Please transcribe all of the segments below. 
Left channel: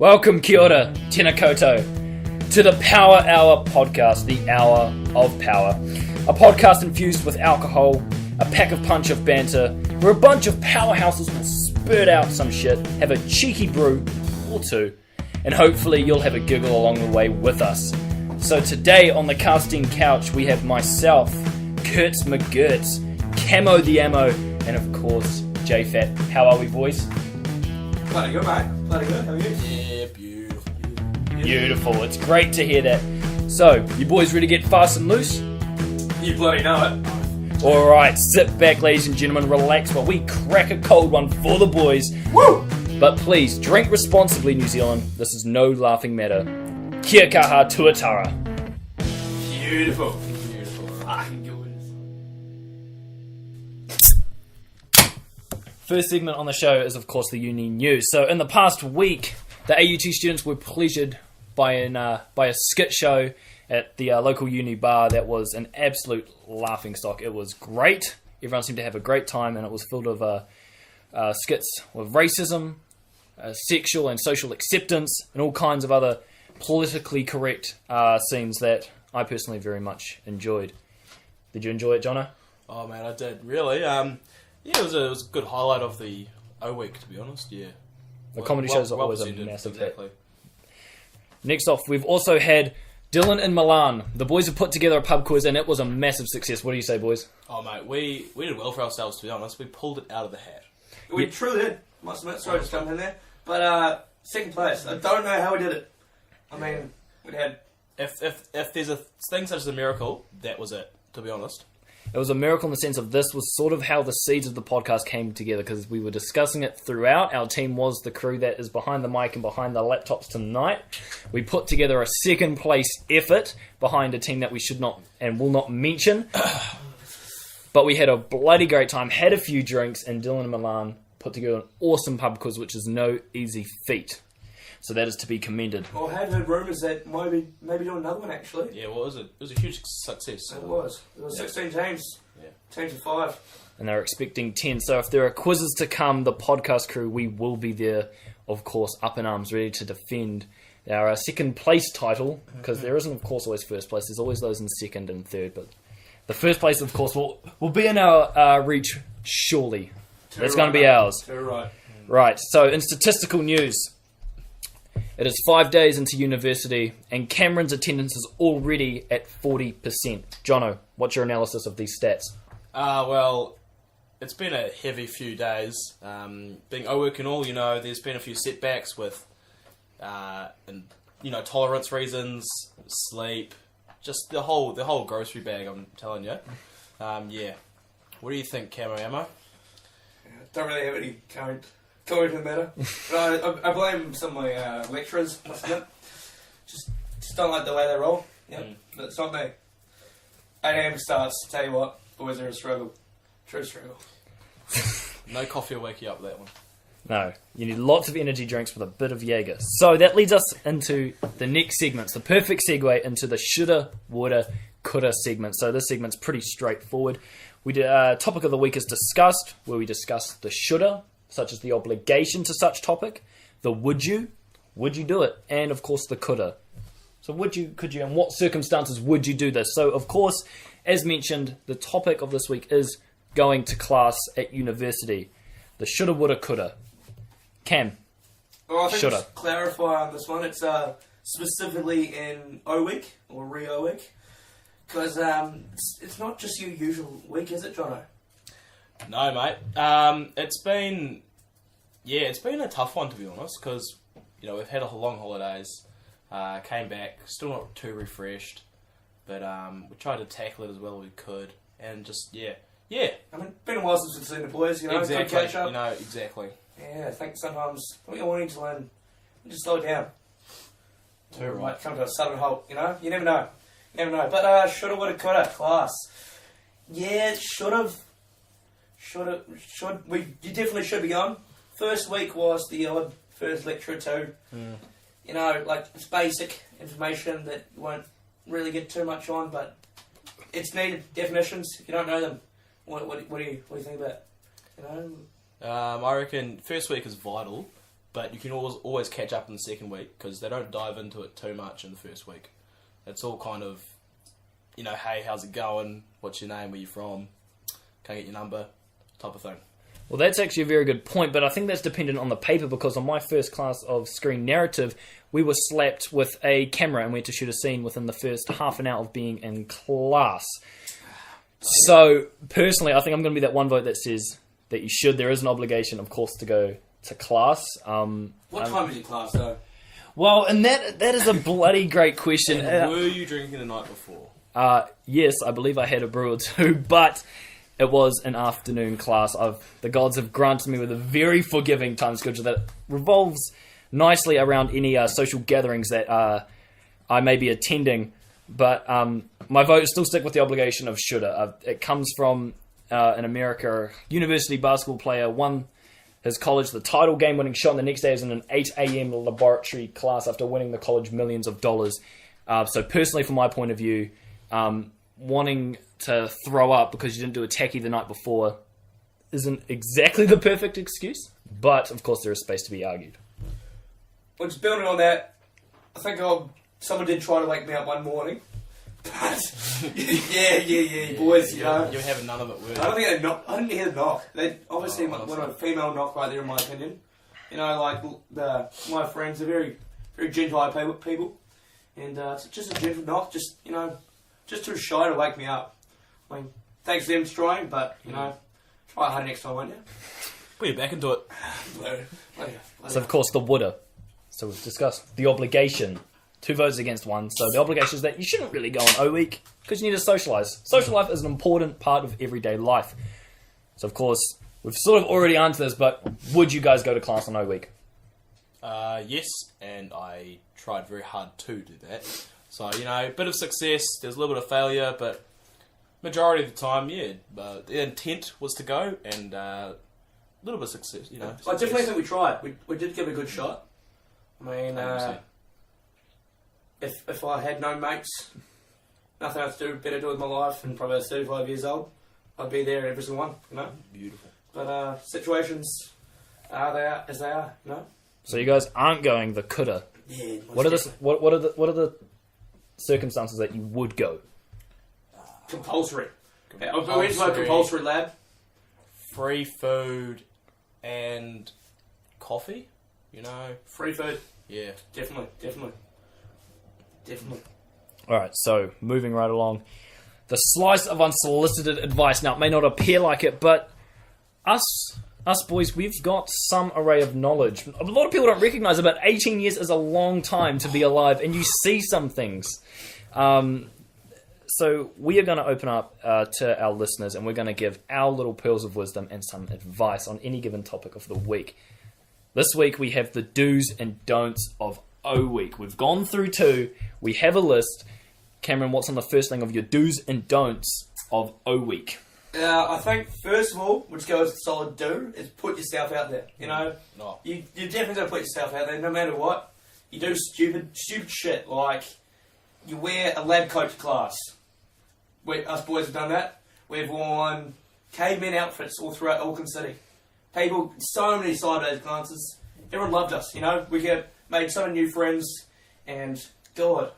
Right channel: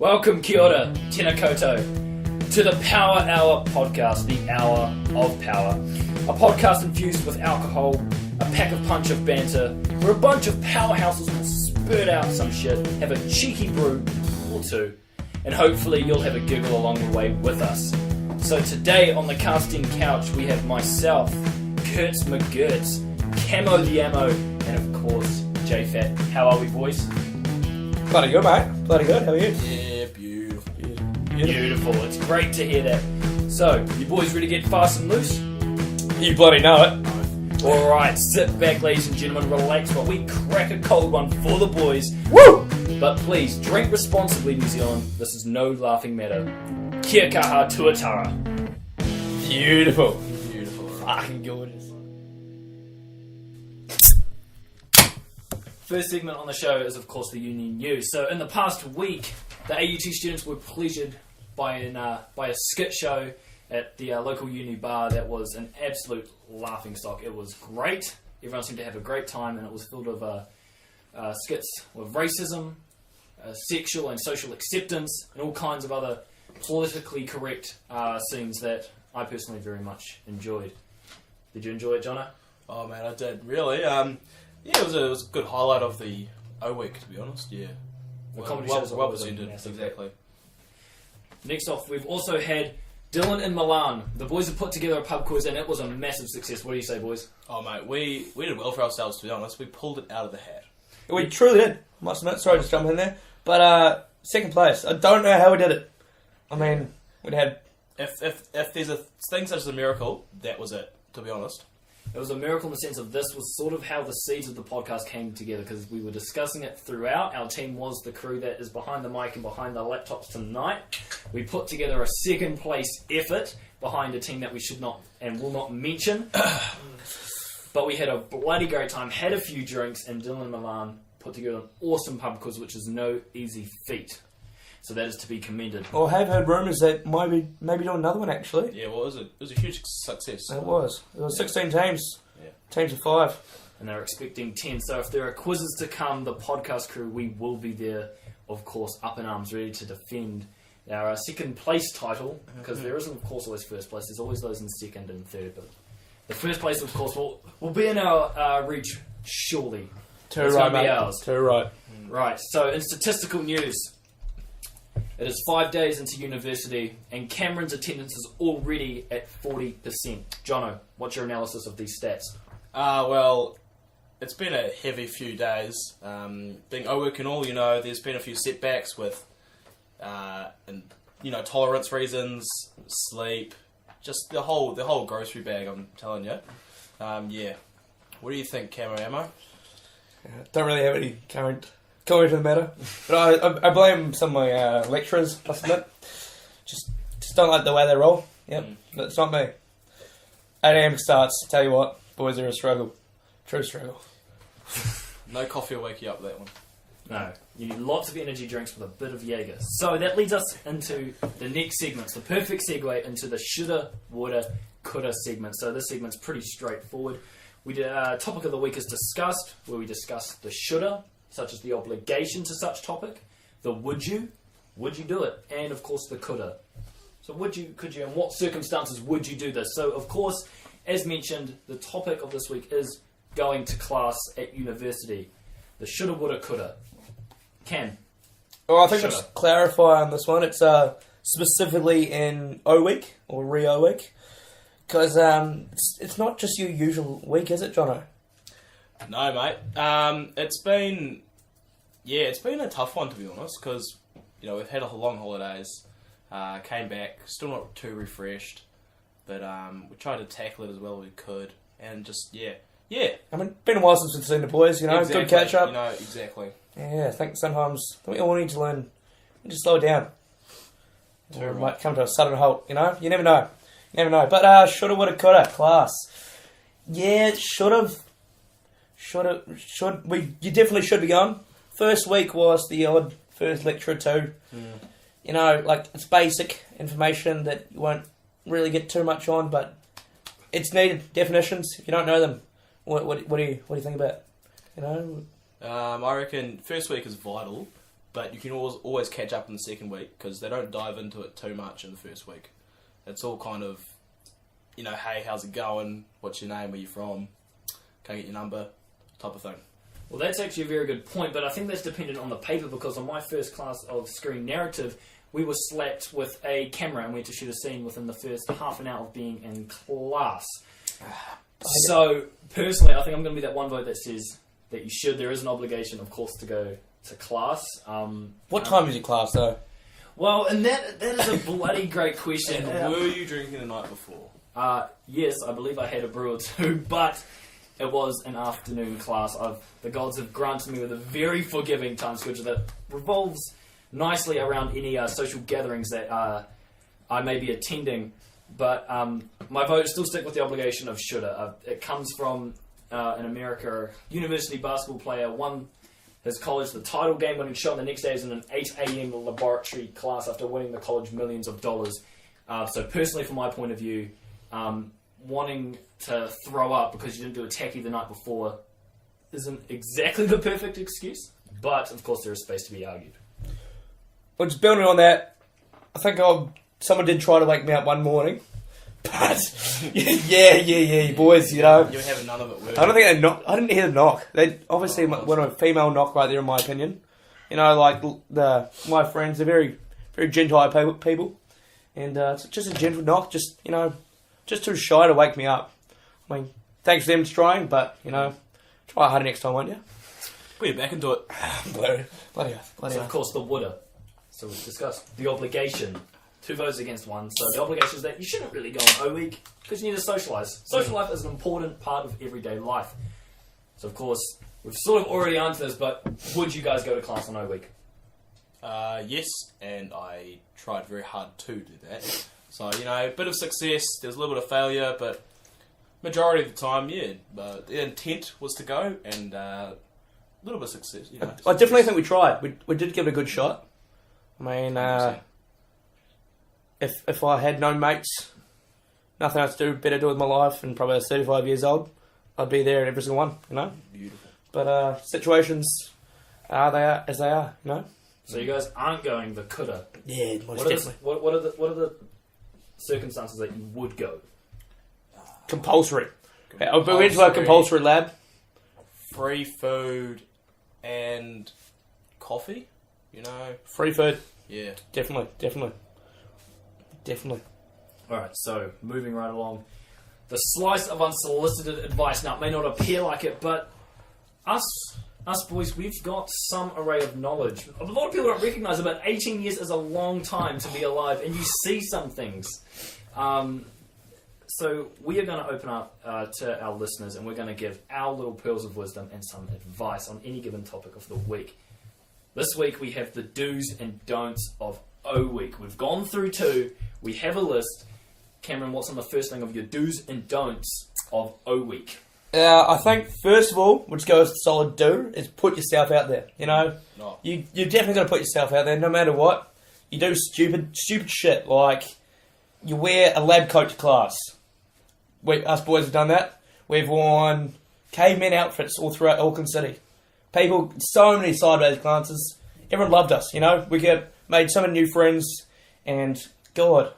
Welcome, kia ora, tēnā koutou, to the Power Hour podcast, the Hour of Power. A podcast infused with alcohol, a pack of punch of banter, where a bunch of powerhouses will spurt out some shit, have a cheeky brew or two, and hopefully you'll have a giggle along the way with us. So today on the casting couch we have myself, Kurtz McGurtz, Camo the Ammo, and of course, J-Fat. How are we, boys? Bloody good, mate. Bloody good. How are you? Yeah, beautiful. Beautiful. It's great to hear that. So, you boys ready to get fast and loose? You bloody know it. Alright, sit back, ladies and gentlemen, relax while we crack a cold one for the boys. Woo! But please, drink responsibly, New Zealand. This is no laughing matter. Kia kaha tuatara. Beautiful. Beautiful. Fucking gorgeous. First segment on the show is, of course, the uni news. So, in the past week, the AUT students were pleasured by a skit show at the local uni bar that was an absolute laughingstock. It was great. Everyone seemed to have a great time, and it was filled of skits with racism, sexual and social acceptance, and all kinds of other politically correct scenes that I personally very much enjoyed. Did you enjoy it, Jono? Oh man, I did really. Yeah, it was a good highlight of the O week, to be honest. Yeah, The comedy shows are well always a presented, massive exactly. hit. Next off, we've also had Dylan in Milan. The boys have put together a pub quiz, and it was a massive success. What do you say, boys? Oh mate, we did well for ourselves, to be honest. We pulled it out of the hat. We truly did. Must admit. Sorry, just jumping in there. But second place. I don't know how we did it. I mean, we had. If there's a thing such as a miracle, that was it. To be honest. It was a miracle in the sense of this was sort of how the seeds of the podcast came together, because we were discussing it throughout. Our team was the crew that is behind the mic and behind the laptops tonight. We put together a second place effort behind a team that we should not and will not mention. But we had a bloody great time, had a few drinks, and Dylan and Milan put together an awesome pub quiz, which is no easy feat. So that is to be commended. Well, I have heard rumours that maybe do another one actually. Yeah, well, it was a huge success. It was. There were 16 teams. Yeah. Teams of 5. And they're expecting 10. So if there are quizzes to come, the podcast crew, we will be there, of course, up in arms, ready to defend our second place title, because there isn't, of course, always first place. There's always those in second and third, but the first place, of course, will be in our reach surely. It's going to be ours. Too right. Right, so in statistical news, it is 5 days into university, and Cameron's attendance is already at 40%. Jono, what's your analysis of these stats? Well, it's been a heavy few days. Being O-work and all, there's been a few setbacks with, tolerance reasons, sleep, just the whole grocery bag, I'm telling you. Yeah. What do you think, Camo Ammo? Don't really have any current to the matter. But I blame some of my lecturers, must admit. Just don't like the way they roll. Yep, but it's not me. 8 AM starts, tell you what, boys are a struggle. True struggle. No coffee will wake you up, that one. No, you need lots of energy drinks with a bit of Jaeger. So that leads us into the next segment. It's the perfect segue into the Shoulda, Woulda, Coulda segment. So this segment's pretty straightforward. We did topic of the week is discussed, where we discuss the shoulda, such as the obligation to such topic, the would you do it, and of course the coulda. So could you, and what circumstances would you do this? So of course, as mentioned, the topic of this week is going to class at university. The shoulda, woulda, coulda. Cam. Well, I think Shoulda. just clarify on this one. It's specifically in O week or re-O week, because it's not just your usual week, is it, Jono? No, mate. It's been a tough one, to be honest, because we've had a long holidays, came back, still not too refreshed, but we tried to tackle it as well as we could, and just yeah. I mean, it's been a while since we've seen the boys, Exactly. Good catch up. Exactly. Yeah, I think sometimes we all need to learn to slow down. Too Or right. might come to a sudden halt, You never know. But shoulda, woulda, coulda, class. Yeah, you definitely should be going. First week was the odd first lecture or two. It's basic information that you won't really get too much on, but it's needed definitions. If you don't know them, what do you think about? I reckon first week is vital, but you can always catch up in the second week because they don't dive into it too much in the first week. It's all kind of, hey, how's it going? What's your name? Where you from? Can I get your number? Type of thing. Well, that's actually a very good point, but I think that's dependent on the paper because on my first class of screen narrative, we were slapped with a camera and we had to shoot a scene within the first half an hour of being in class. So, personally, I think I'm going to be that one vote that says that you should. There is an obligation, of course, to go to class. What time is your class, though? Well, and that is a bloody great question. And were you drinking the night before? Yes, I believe I had a brew or two, but it was an afternoon class. The gods have granted me with a very forgiving time schedule that revolves nicely around any social gatherings that I may be attending. But my vote still stick with the obligation of shoulda. It comes from in America, university basketball player won his college the title game-winning shot, and the next day is in an 8 a.m. laboratory class after winning the college millions of dollars. So personally, from my point of view, wanting to throw up because you didn't do a tacky the night before isn't exactly the perfect excuse, but of course there is space to be argued. Well, just building on that, I think someone did try to wake me up one morning, but yeah, boys, You were having none of it, were you? I don't think I didn't hear the knock. They obviously went a female knock right there, in my opinion. Like my friends, they're very, very gentile people, and it's just a gentle knock, just too shy to wake me up. I mean, thanks to them for trying, but try harder next time, won't you? Put you back into it. Bloody So of course the woulda. So we've discussed the obligation. 2 votes against 1. So the obligation is that you shouldn't really go on O week because you need to socialise. Social life is an important part of everyday life. So of course we've sort of already answered this, but would you guys go to class on O week? Yes, and I tried very hard to do that. So, a bit of success, there's a little bit of failure, but majority of the time, the intent was to go, and a little bit of success, I definitely think we tried. We did give it a good shot. I mean, 100%. If I had no mates, nothing else to do, better do with my life, and probably I was 35 years old, I'd be there in every single one, Beautiful. But situations are as they are, So you guys aren't going the coulda. Yeah, What are the circumstances that you would go? compulsory. We went to a compulsory lab. Free food and coffee, Free food. Yeah. Definitely. Alright, so moving right along. The slice of unsolicited advice. Now, it may not appear like it, but us boys, we've got some array of knowledge. A lot of people don't recognise it, but 18 years is a long time to be alive, and you see some things. So we are going to open up to our listeners, and we're going to give our little pearls of wisdom and some advice on any given topic of the week. This week we have the do's and don'ts of O week. We've gone through 2. We have a list. Cameron, what's on the first thing of your do's and don'ts of O week? I think, first of all, we'll just go with solid do, is put yourself out there. No. You definitely got to put yourself out there, no matter what. You do stupid shit, like you wear a lab coat to class. Us boys have done that. We've worn caveman outfits all throughout Auckland City. People, so many sideways glances. Everyone loved us, We made so many new friends, and God,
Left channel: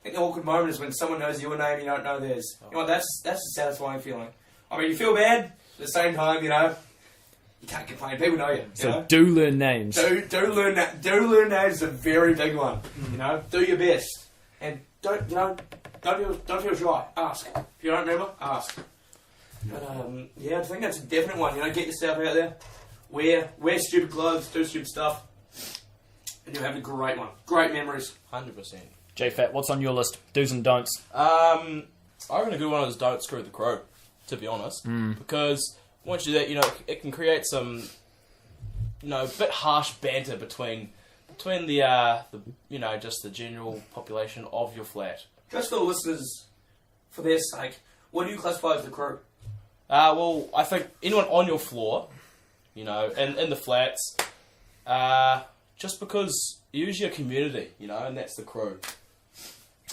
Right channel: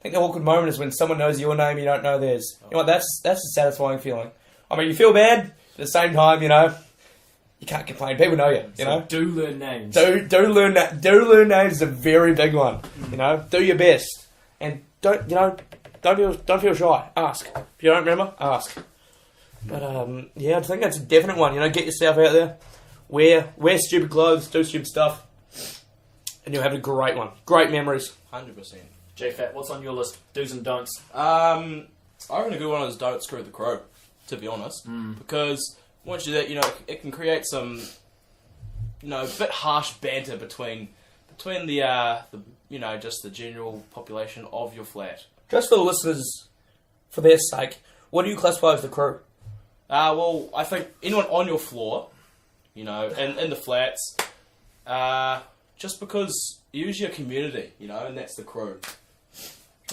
I think the awkward moment is when someone knows your name and you don't know theirs. That's a satisfying feeling. I mean, you feel bad, but at the same time, you can't complain. People know you. So do learn names. Do learn that. Do learn names is a very big one. Do your best, and don't feel shy. Ask. If you don't remember, ask. But I think that's a definite one. Get yourself out there, wear stupid clothes, do stupid stuff, and you'll have a great one. Great memories. 100%. J-Fat, what's on your list? Do's and don'ts. I reckon a good one is don't screw the crow, to be honest. Because once you do that, it can create some, a bit harsh banter between the just the general population of your flat. Just for the listeners, for their sake, what do you classify as the crew? Well, I think anyone on your floor, in the flats, just because you're usually a community, and that's the crew.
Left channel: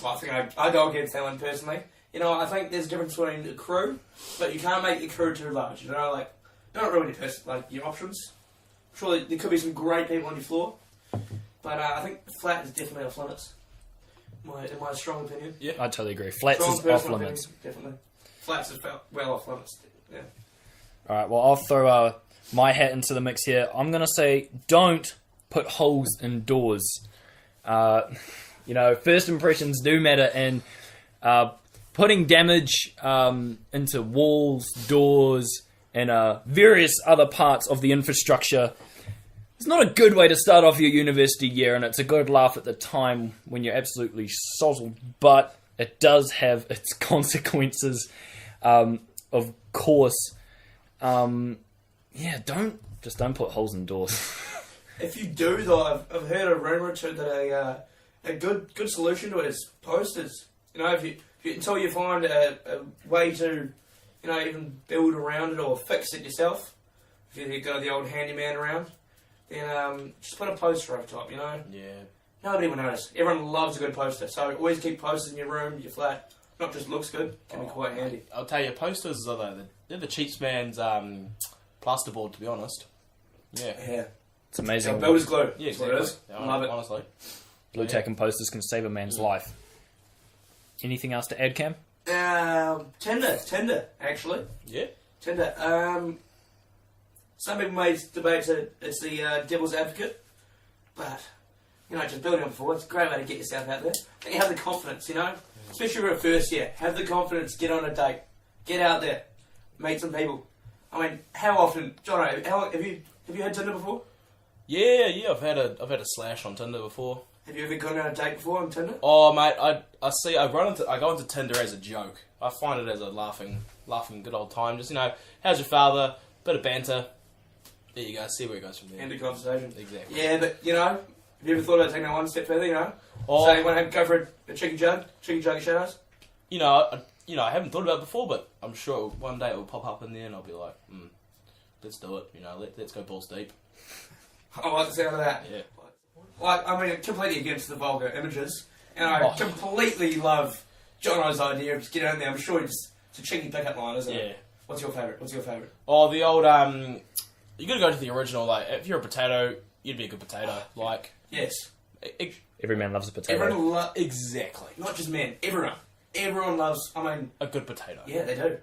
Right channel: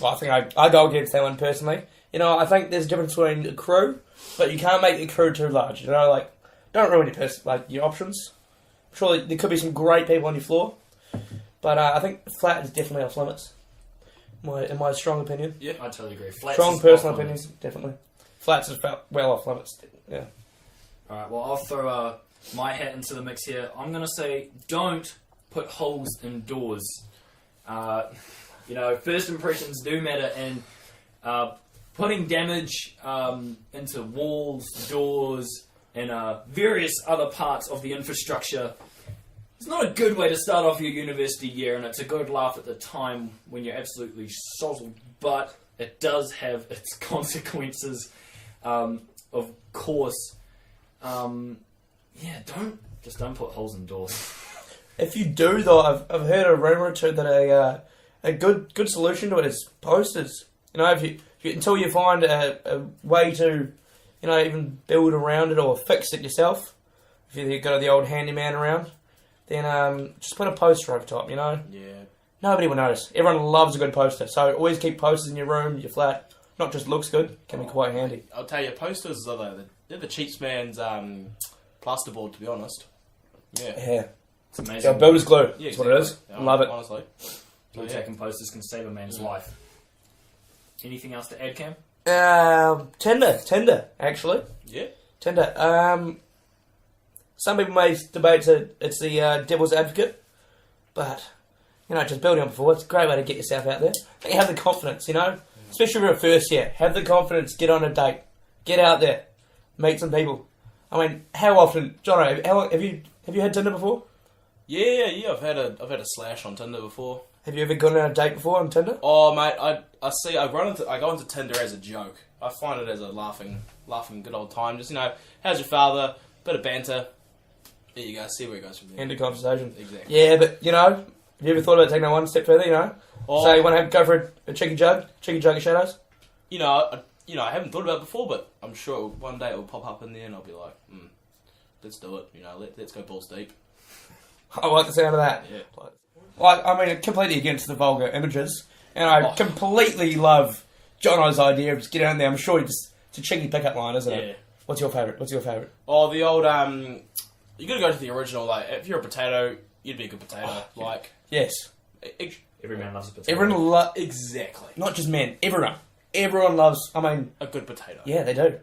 Well, I think I go against that one personally. I think there's a difference between a crew, but you can't make a crew too large. Don't ruin your options. Surely there could be some great people on your floor, but I think flat is definitely off limits. In my strong opinion. Yeah, I totally agree. Flats Strong is off personal limits. opinion, definitely. Flats is well off limits. Yeah. All right, well, I'll throw my hat into the mix here. I'm going to say don't put holes in doors. First impressions do matter, and putting damage into walls, doors, and various other parts of the infrastructure is not a good way to start off your university year, and it's a good laugh at the time when you're absolutely sozzled, but it does have its consequences, of course. Don't put holes in doors. If you do, though, I've heard a rumour or two that a good solution to it is posters. If you until you find a way to, even build around it or fix it yourself. If you've got the old handyman around, then just put a poster over top. Yeah. Nobody will notice. Everyone loves a good poster, so always keep posters in your room, your flat. Not just looks good, can be quite handy. I'll tell you, posters they're the cheap man's plasterboard, to be honest. Yeah. It's amazing. Yeah, builder's glue. Yeah, That's what it is. Yeah, Love it. Honestly. Blue tack and posters can save a man's life. Anything else to add, Cam? Tinder, actually. Yeah. Tinder. Some people may debate that it's the devil's advocate, but, just building on before, it's a great way to get yourself out there. And you have the confidence, especially if you're a first year. Have the confidence, get on a date, get out there, meet some people. I mean, how often, John? Have you had Tinder before? Yeah. I've had a slash on Tinder before. Have you ever gone on a date before on Tinder? Oh, mate, I go into Tinder as a joke. I find it as a laughing good old time. Just how's your father? Bit of banter. There you go. See where it goes from there. End of conversation. Exactly. Yeah, but have you ever thought about taking that one step further? So you want to go for a cheeky jug of shadows? I haven't thought about it before, but I'm sure one day it will pop up in there, and I'll be like, let's do it. Let's go balls deep. I like the sound of that. Yeah. Completely against the vulgar images, and I completely love Jono's idea of just get out there. I'm sure it's a cheeky pickup line, isn't it? Yeah. What's your favourite? Oh, the old you got to go to the original. Like, if you're a potato, you'd be a good potato. Yes. Every man loves a potato. Everyone Exactly. not just men. Everyone loves. A good potato. Yeah, they do.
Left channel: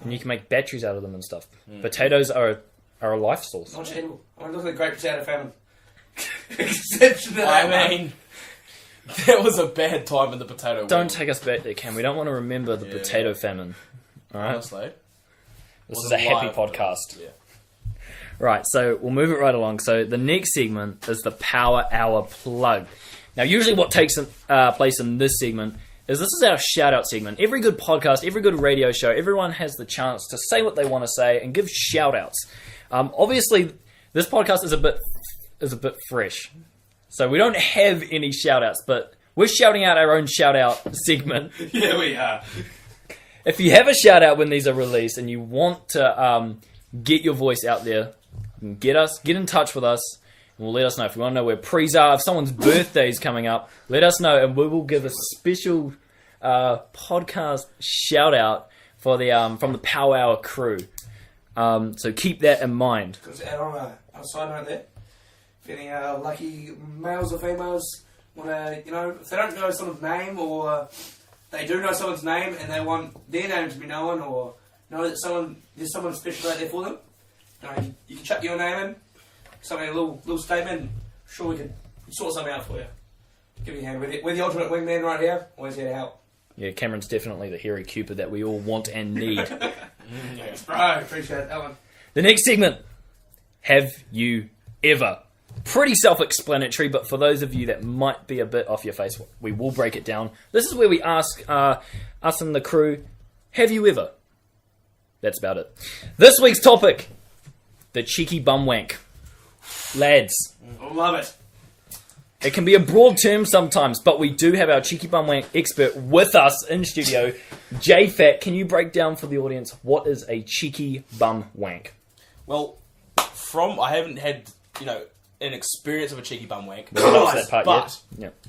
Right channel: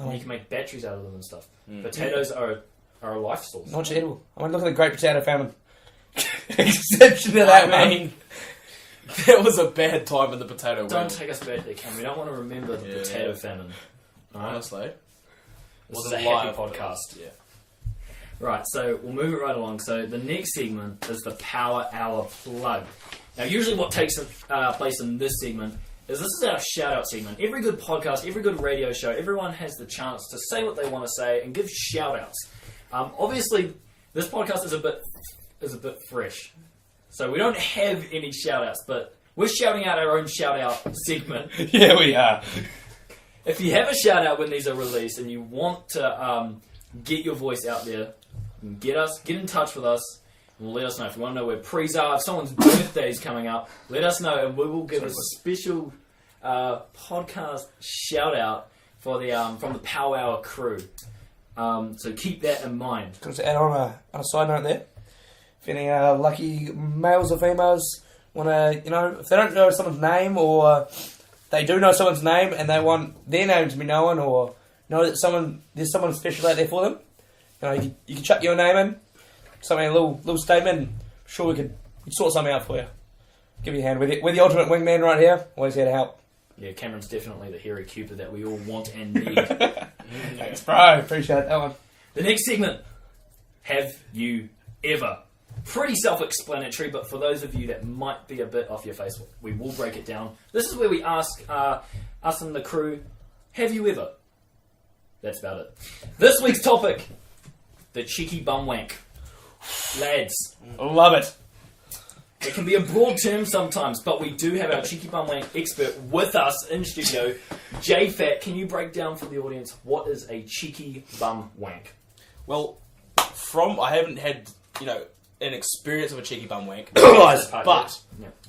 And you can make batteries out of them and stuff. Potatoes are a life source. Not just edible. Look at the Great Potato Famine. Exception to that. That was a bad time in the potato world. Don't take us back there, Cam. We don't want to remember the potato famine. All right? Honestly. This is a happy podcast. Yeah. Right, so we'll move it right along. So the next segment is the Power Hour Plug. Now, usually what takes place in this segment is this is our shout-out segment. Every good podcast, every good radio show, everyone has the chance to say what they want to say and give shout-outs. Obviously, this podcast is a bit fresh. So we don't have any shout-outs, but we're shouting out our own shout-out segment. Yeah, we are. If you have a shout-out when these are released and you want to get your voice out there, get in touch with us, and we'll let us know. If you want to know where pre's are, if someone's birthday is coming up, let us know, and we will give a special podcast shout-out for the from the Power Hour crew. So keep that in mind. Just to add on a side note there, if any lucky males or females want to, if they don't know someone's name, or they do know someone's name and they want their name to be known, or know that there's someone special out there for them, you can chuck your name in, something, a little statement. I'm sure we could sort something out for you. Give you a hand. We're the ultimate wingman right here. Always here to help. Yeah, Cameron's definitely the hero Cupid that we all want and need. Thanks, bro. Appreciate that one. The next segment, Have You Ever? Pretty self-explanatory, but for those of you that might be a bit off your face, we will break it down. This is where we ask us and the crew, have you ever? That's about it. This week's topic, the cheeky bum wank. Lads. Love it. It can be a broad term sometimes, but we do have our cheeky bum wank expert with us in studio. J-Fat, can you break down for the audience what is a cheeky bum wank? Well, I haven't had, an experience of a cheeky bum wank, but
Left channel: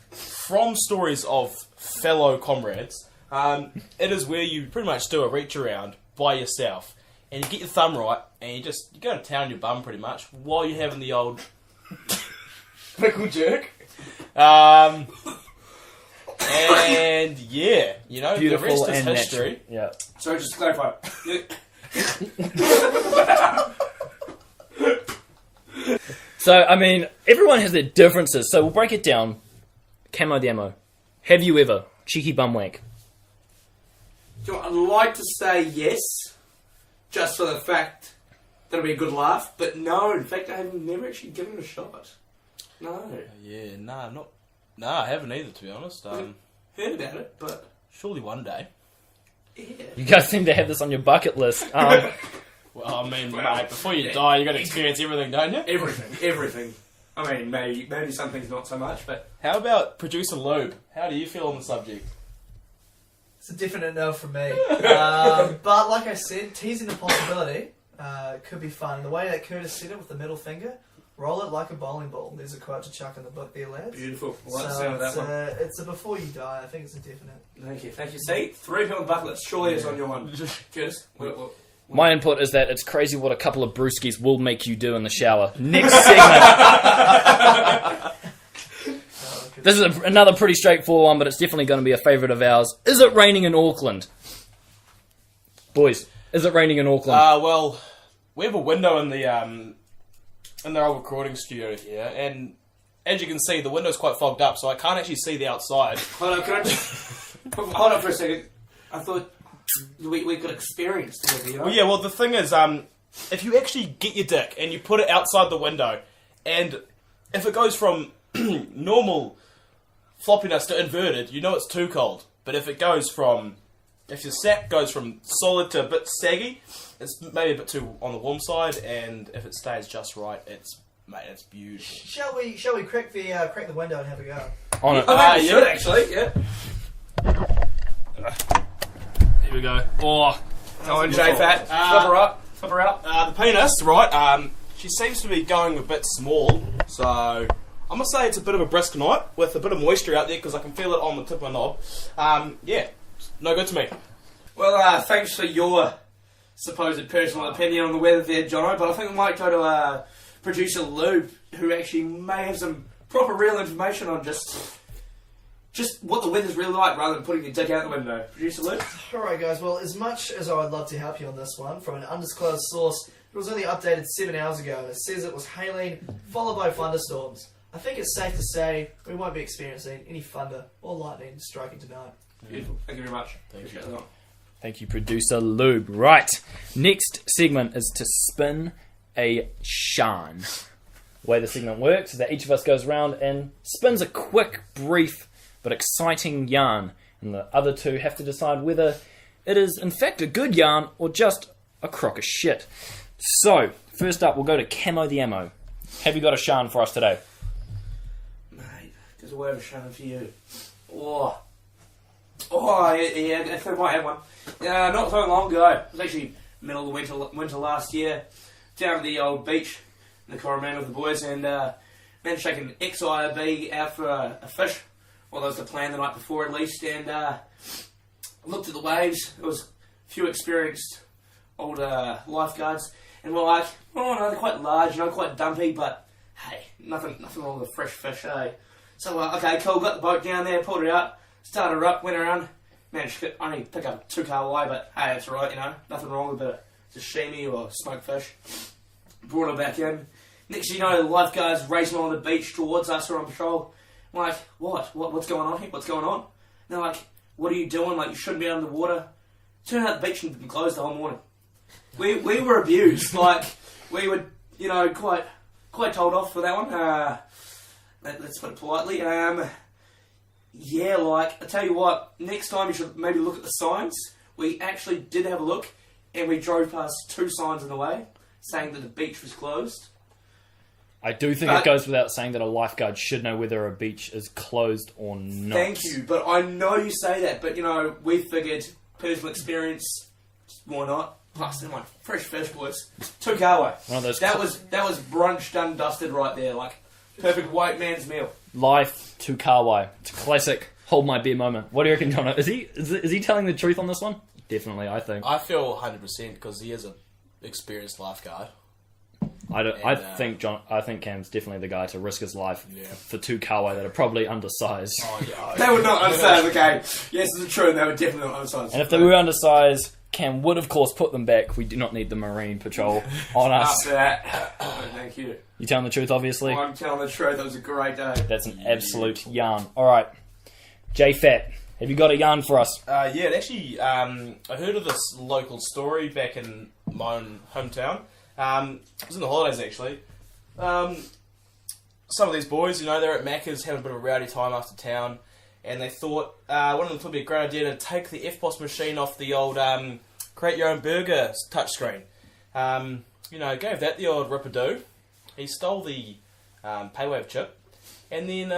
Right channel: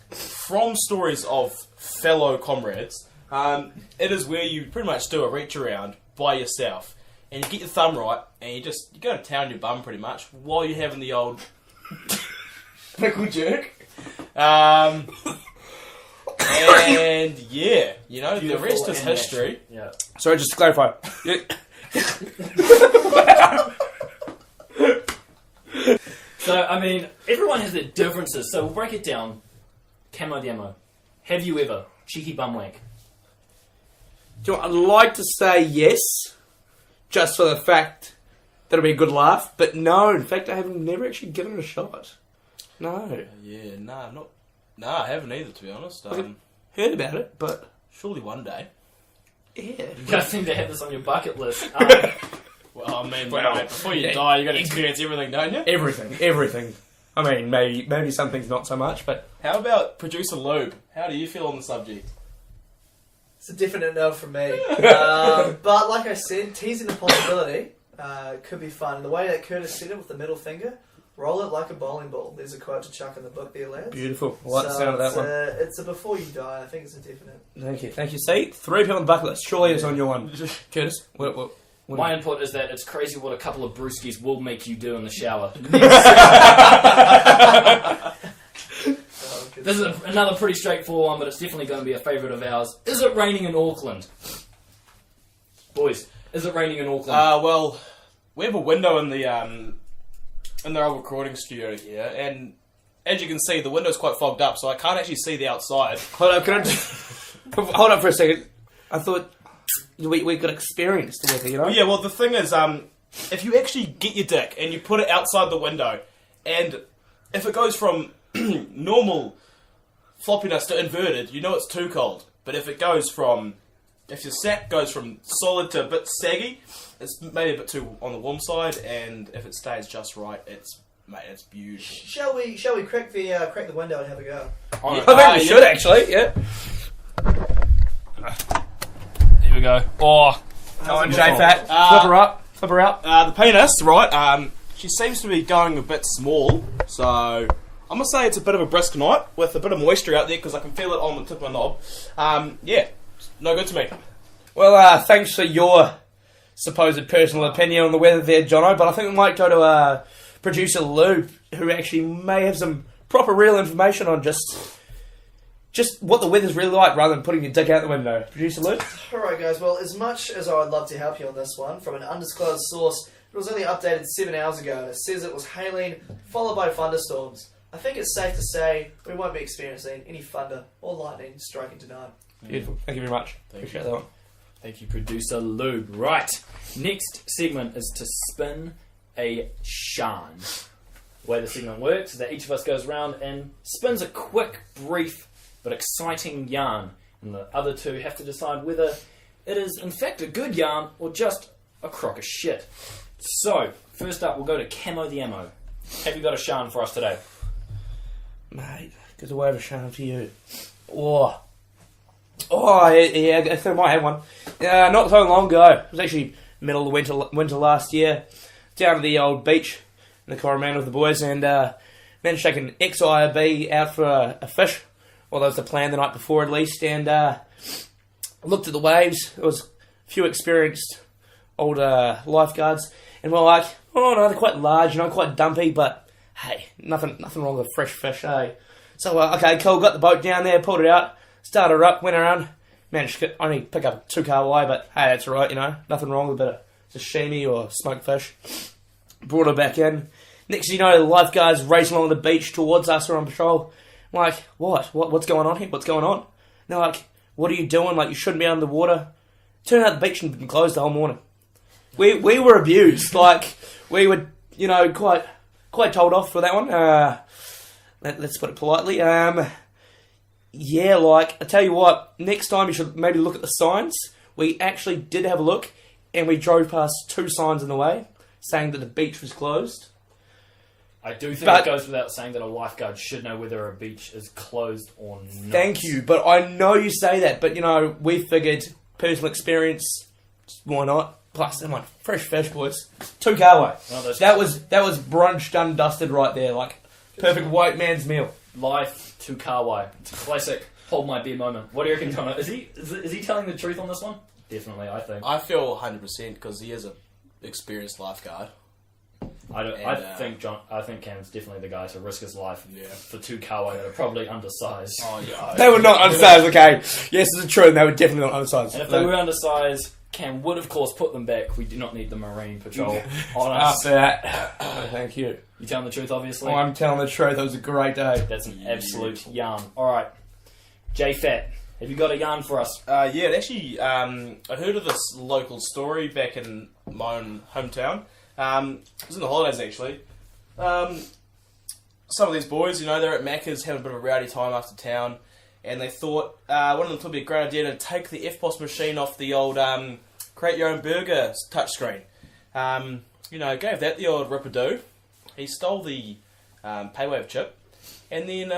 from stories of fellow comrades, it is where you pretty much do a reach around by yourself, and you get your thumb right, and you go to town your bum pretty much while you're having the old Pickle jerk. and yeah, you know, Beautiful the rest is and history. Yeah. Sorry, just to clarify. So, I mean, everyone has their differences, so we'll break it down. Camo the ammo. Have you ever? Cheeky bum wank. Do you know what, I'd like to say yes, just for the fact that it'll be a good laugh, but no, in fact, I have never actually given it a shot. No. Yeah, nah, I haven't either, to be honest. Heard about it, but Surely one day. yeah. You guys seem to have this on your bucket list. Well, I mean, Well, mate, before you die, you got to experience everything, don't you? Everything. I mean, maybe some things not so much, but How about producer Lube? How do you feel on the subject? It's a definite no from me. But like I said, teasing the possibility could be fun. The way that Curtis said it with the middle finger, roll it like a bowling ball. There's a quote to chuck in the book there, lads. beautiful. I like the So sound of that one. it's a before you die. I think it's a definite. Thank you. See, 3 people on the bucket list. Surely it's on your one. Curtis, what? My input is that it's crazy what a couple of brewskis will make you do in the shower. This is another pretty straightforward one, but it's definitely going to be a favourite of ours. Is it raining in Auckland? Boys, is it raining in Auckland? Well, we have a window in the old recording studio here, and as you can see, the window's quite fogged up, so I can't actually see the outside. Hold on, can I just... Hold on for a second. I thought we got experience together, you know? Well, yeah, well, the thing is, if you actually get your dick and you put it outside the window, and if it goes from normal floppiness to inverted, you know it's too cold. But if your sack goes from solid to a bit saggy, it's maybe a bit too on the warm side, and if it stays just right, it's beautiful. Shall we crack the window and have a go? On it. I think we should, actually, yeah. Here we go. Oh, Go on, J-Fat. Flip her up. The penis, right, she seems to be going a bit small, so I'm going to say it's a bit of a brisk night with a bit of moisture out there because I can feel it on the tip of my knob. Yeah, no good to me. Well, thanks for your supposed personal opinion on the weather there, Jono, but I think we might go to producer Lou, who actually may have some proper real information on just what the weather's really like rather than putting your dick out the window. Producer Lou? Alright guys, well as much as I would love to help you on this one, from an undisclosed source, it was only updated 7 hours ago and it says it was hailing followed by thunderstorms. I think it's safe to say we won't be experiencing any thunder or lightning striking tonight. Beautiful. Thank you very much. Thank Appreciate you. that one. thank you, producer Lube. Right, next segment is to spin a Sharn. The way the segment works is that each of us goes around and spins a quick, brief, but exciting yarn, and the other two have to decide whether it is in fact a good yarn or just a crock of shit. So, first up, we'll go to Camo the Ammo. Have you got a Sharn for us today? Mate, there's a way of a shout out to you. Oh, yeah, I might have one. Not so long ago. It was actually middle of winter last year. Down to the old beach in the Coromandel with the boys, and managed to take an ex-IRB out for a fish. Well, that was the plan the night before at least, and looked at the waves. There was a few experienced old lifeguards, and we're like, oh no, they're quite large, quite dumpy, but hey, nothing wrong with a fresh fish, hey. So, okay, cool, got the boat down there, pulled it out, started her up, went around, managed to only pick up 2 carway, but hey, that's right, nothing wrong with a bit of sashimi or smoked fish. Brought her back in. Next thing you know, the lifeguards racing along the beach towards us, are on patrol. I'm like, what's going on here? What's going on? And they're like, what are you doing? Like, you shouldn't be out in the water. Turned out the beach had been closed the whole morning. We were abused. Like, we were, quite told off for that one. Let's put it politely. Yeah, like, I tell you what, next time you should maybe look at the signs. We actually did have a look, and we drove past 2 signs on the way saying that the beach was closed. I do think it goes without saying that a lifeguard should know whether a beach is closed or not. Thank you, but I know you say that, but we figured personal experience, why not? Plus, they're my fresh fish, boys. 2 carway. That was brunch done dusted right there, like perfect white man's meal. Life to Kawai. It's a classic hold my beer moment. What do you reckon, John? Is he telling the truth on this one? Definitely, I think. I feel 100% because he is a experienced lifeguard. I think Cam's definitely the guy to risk his life Yeah. for 2 kawa that are probably undersized. Oh yeah. They were not undersized, okay. Yes, this is true, and they were definitely not undersized. And if they were undersized, Cam would of course put them back. We do not need the Marine Patrol on us. After that, thank you. You telling the truth, obviously? I'm telling the truth, it was a great day. That's an absolute yarn. Alright. J-Fat, have you got a yarn for us? Yeah, it actually, I heard of this local story back in my own hometown. It was in the holidays, actually. Some of these boys, they're at Macca's having a bit of a rowdy time after town, and they thought one of them thought it'd be a great idea to take the FPOS machine off the old create your own burger touchscreen. Gave that the old rip-a-doo. He stole the PayWave chip, and then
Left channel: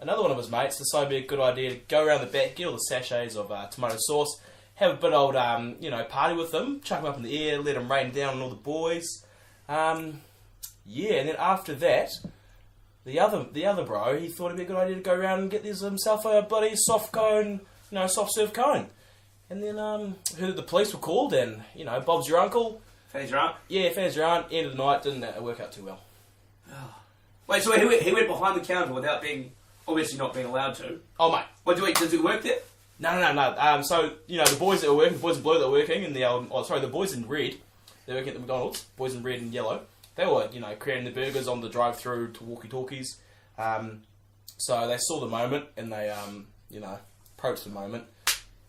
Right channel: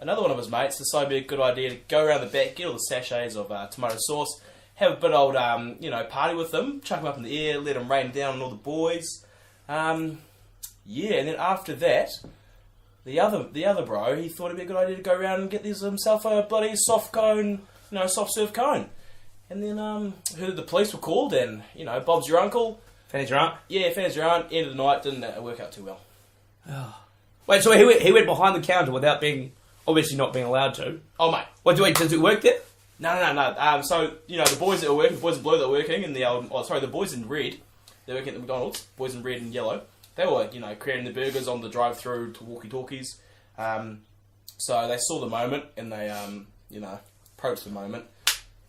another one of his mates decided it'd be a good idea to go around the back, get all the sachets of tomato sauce, have a bit of old, party with them, chuck them up in the air, let them rain down on all the boys. And then after that, the other bro, he thought it'd be a good idea to go around and get himself a bloody soft serve cone. And then heard that the police were called, and Bob's your uncle. Fan's your aunt? Yeah, Fan's your aunt. End of the night, didn't work out too well. Wait, so he went behind the counter without obviously not being allowed to. Oh mate, Does it work there? No. So the boys that were working, the boys in blue that were working, and the boys in red, they're working at the McDonald's. Boys in red and yellow, they were creating the burgers on the drive-through to walkie-talkies. So they saw the moment and they approached the moment.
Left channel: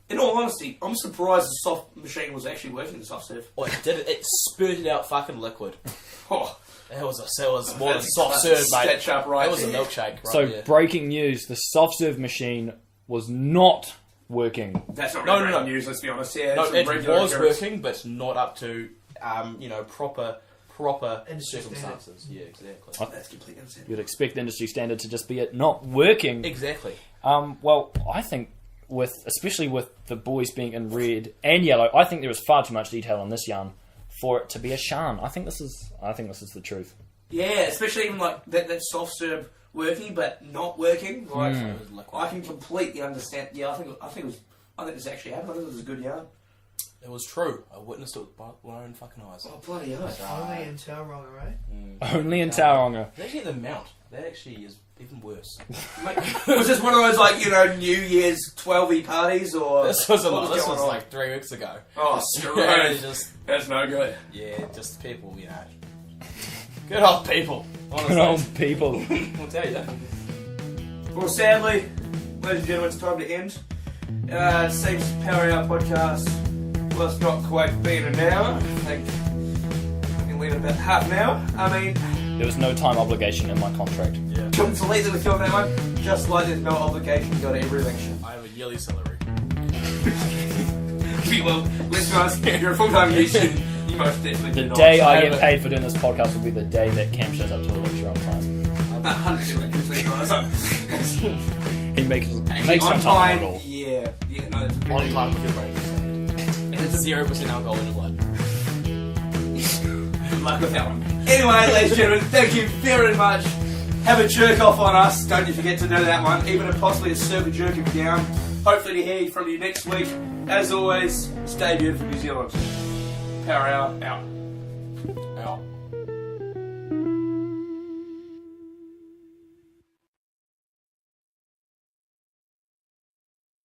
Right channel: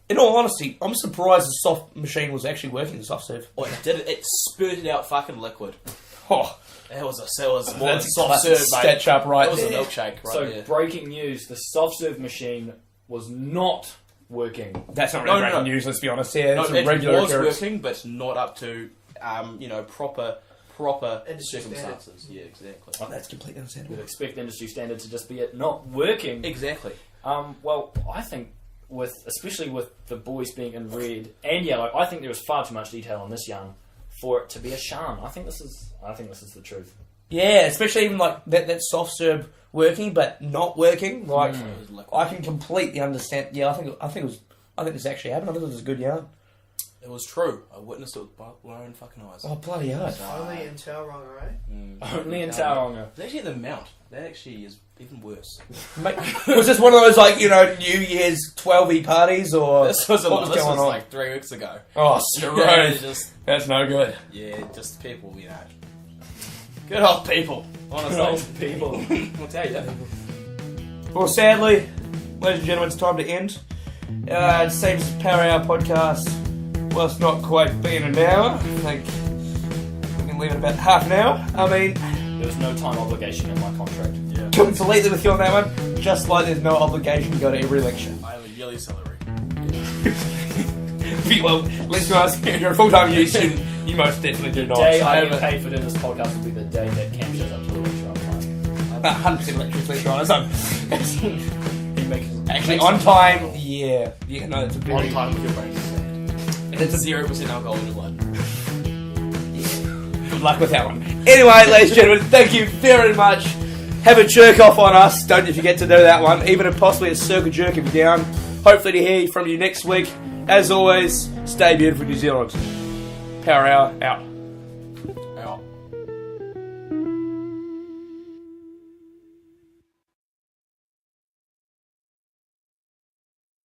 In all honesty, I'm surprised the soft machine was actually working, the soft serve. Oh, it did it. It spurted out fucking liquid. Oh, It was more than that's soft serve, mate. sketch up right It was there. a milkshake right So there. breaking news, the soft serve machine was not working. That's not No, really no. great news, let's be honest. Yeah, No, it's a it regular was occurrence. working, but not up to proper Industry circumstances. Yeah, exactly. That's completely understandable. You'd expect industry standard to just be it not working. Exactly. Well, I think especially with the boys being in red and yellow, I think there is far too much detail on this yarn for it to be a Sharn. I think this is the truth. Yeah, especially even like that soft serve working but not working. Like It was liquid. I can completely understand. Yeah, I think this actually happened. I think it was a good yarn. It was true. I witnessed it with my own fucking eyes. Oh bloody hell! Only in Tauranga, right? Only in Tauranga. It's actually the mount. That actually is even worse. Mate, was this one of those New Year's 12-y parties or This was what this going was on? like 3 weeks ago. Oh, Yeah, right. just No good. just people, Good old people. Good Honestly, old people. I'll tell you that. Well, sadly, ladies and gentlemen, it's time to end. It seems Power Hour podcast, well, it's not quite been an hour. I think we can leave it about half an hour. I mean, There was no time obligation in my contract. Yeah. completely with you on that one. Just like there's no obligation to go to every lecture. I have a yearly salary. Well, let's be honest, if you're a full-time musician, you most definitely do The not. day I So, get paid for doing this podcast will be the day that Cam shows up to the lecture on time. 100% lecture, to be honest. He makes Actually, on time, yeah, no, that's a On time with your brain. And it's 0% alcohol in your blood. Good luck with that one. Anyway, ladies and gentlemen, thank you very much. Have a jerk off on us. Don't forget to do that one. Even possibly a circle jerk if you're down. Hopefully to hear from you next week. As always, stay beautiful, New Zealand. Power Hour out. Out.